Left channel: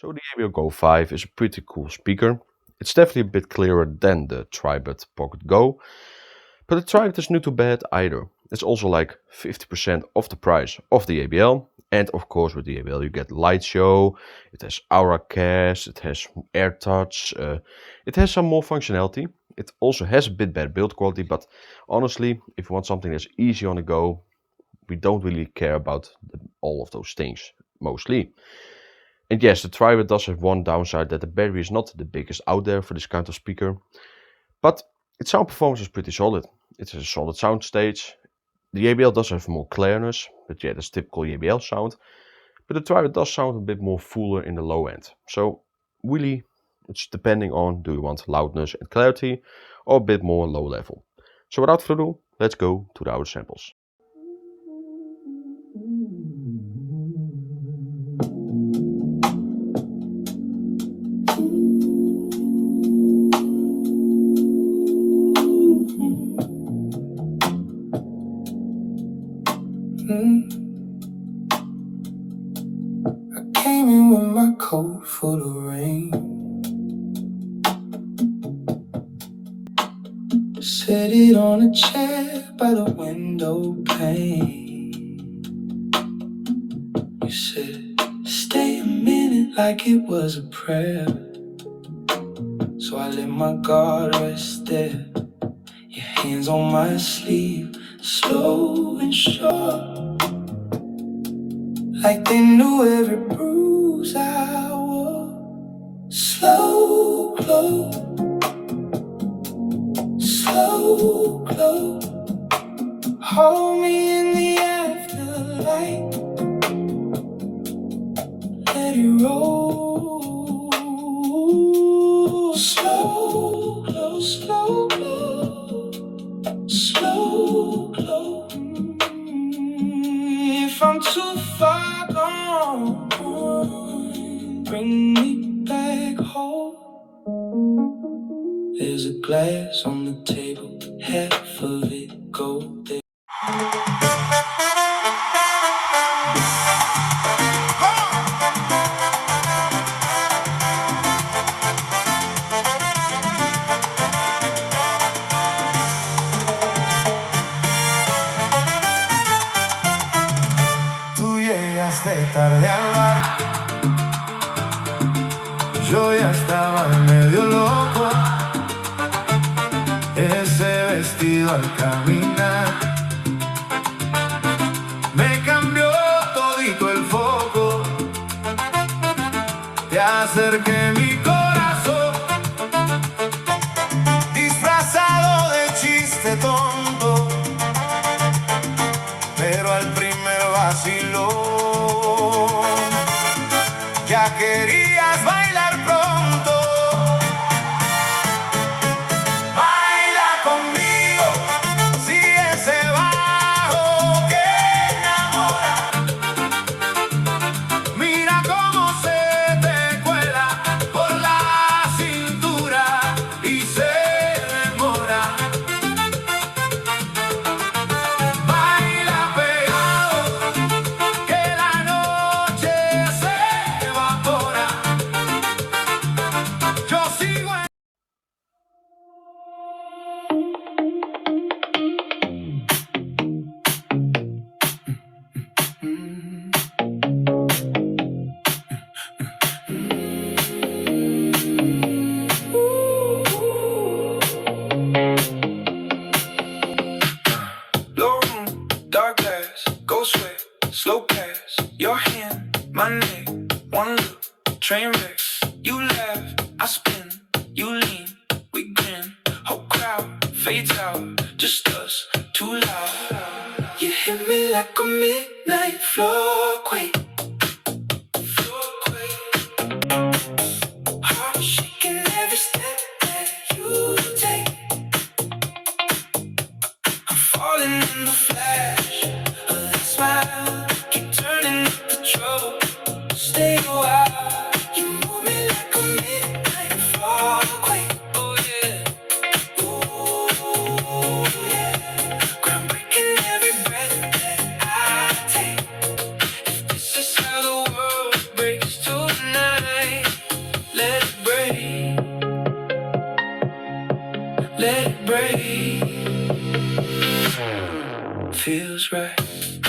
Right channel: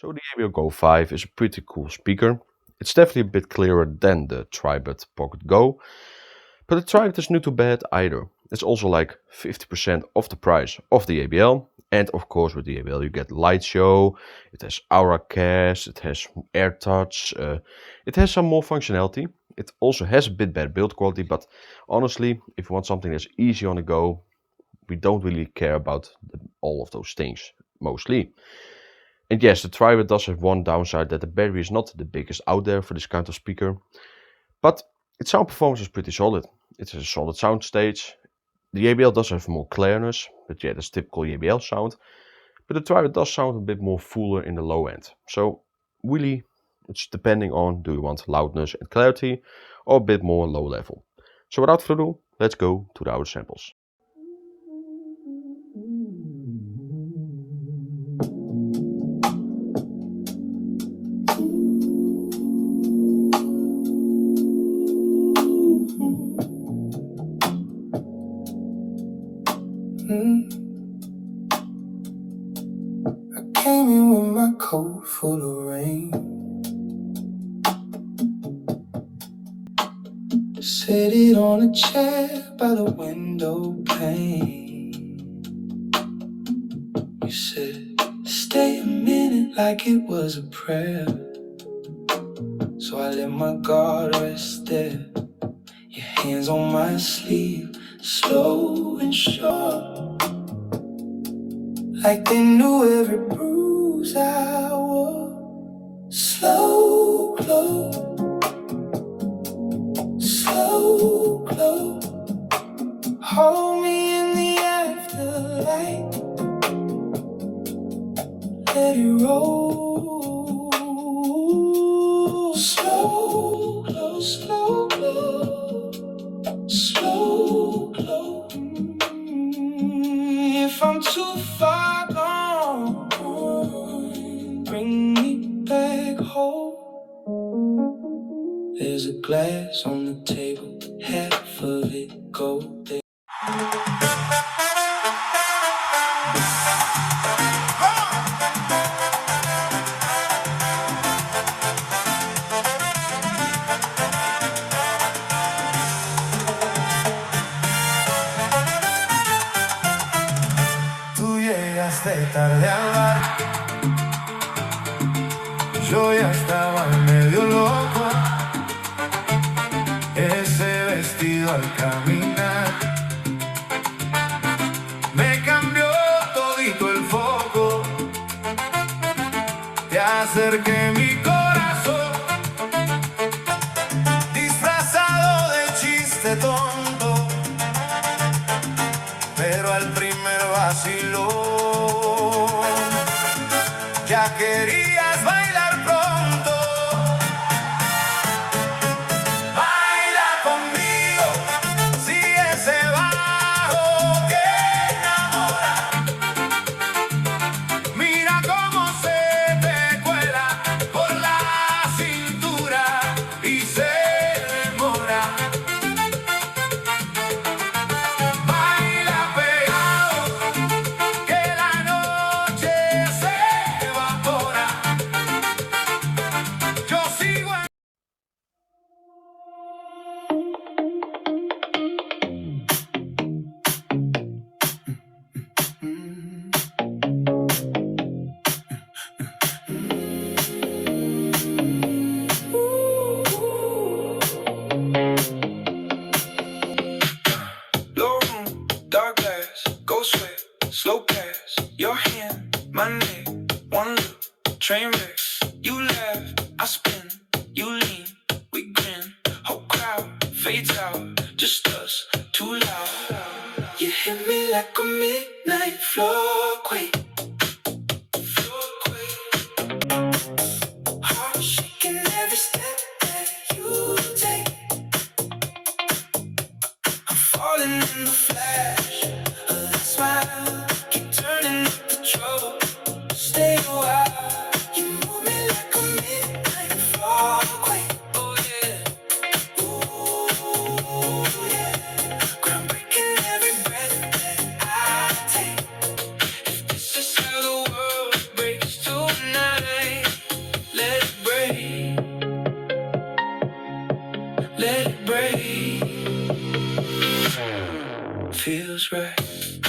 So the JBL Go 5 is a pretty cool speaker. It's definitely a bit clearer than the Tribit Pocket Go, but the Tribit is not too bad either. It's also like 50% of the price of the JBL. And of course with the JBL you get light show, it has aura cast, it has air touch, it has some more functionality. It also has a bit better build quality, but honestly, if you want something that's easy on the go, we don't really care about all of those things, mostly. And yes, the Tribit does have one downside, that the battery is not the biggest out there for this kind of speaker. But its sound performance is pretty solid. It has a solid sound stage. The JBL does have more clearness, but yeah, that's typical JBL sound. But the Tribit does sound a bit more fuller in the low end. So really, it's depending on, do you want loudness and clarity or a bit more low level. So without further ado, let's go to the audio samples. I came in with my coat full of rain. Set it on a chair by the window pane. You said, stay a minute like it was a prayer. So I let my guard rest there. Your hands on my sleeve, slow and sure, like they knew every bruise I wore. Slow glow, slow glow. Hold me in the afterlight. Let it roll. Slow glow, slow glow, slow glow. If I'm too far gone, bring me back home. There's a glass on the table, half of it golden. Tú llegaste tarde al bar, yo ya estaba medio loco. Ese vestido al caminar me cambió todito el foco. Te acerqué mi corazón, disfrazado de chiste tonto, pero al primer vacilón ya querías bailar pronto. Baila conmigo, sigue ese bajo que enamora. Mira cómo se te cuela por la cintura y se demora. Baila pegado, que la noche se evapora. Yo sigo en... Low room, dark glass, ghost sweat, slow pass, your hand, my neck, one look, train wrecks. You laugh, I spin, you lean, we grin, whole crowd fades out, just us, too loud. You hit me like a midnight floorquake. Heart shaking every step that you take. I'm falling in the flash of that smile. Keep turning up the trouble. Stay a while. You move me like a midnight floorquake. Oh yeah, oh yeah. I'm breaking every breath that I take. let it break. Feels right.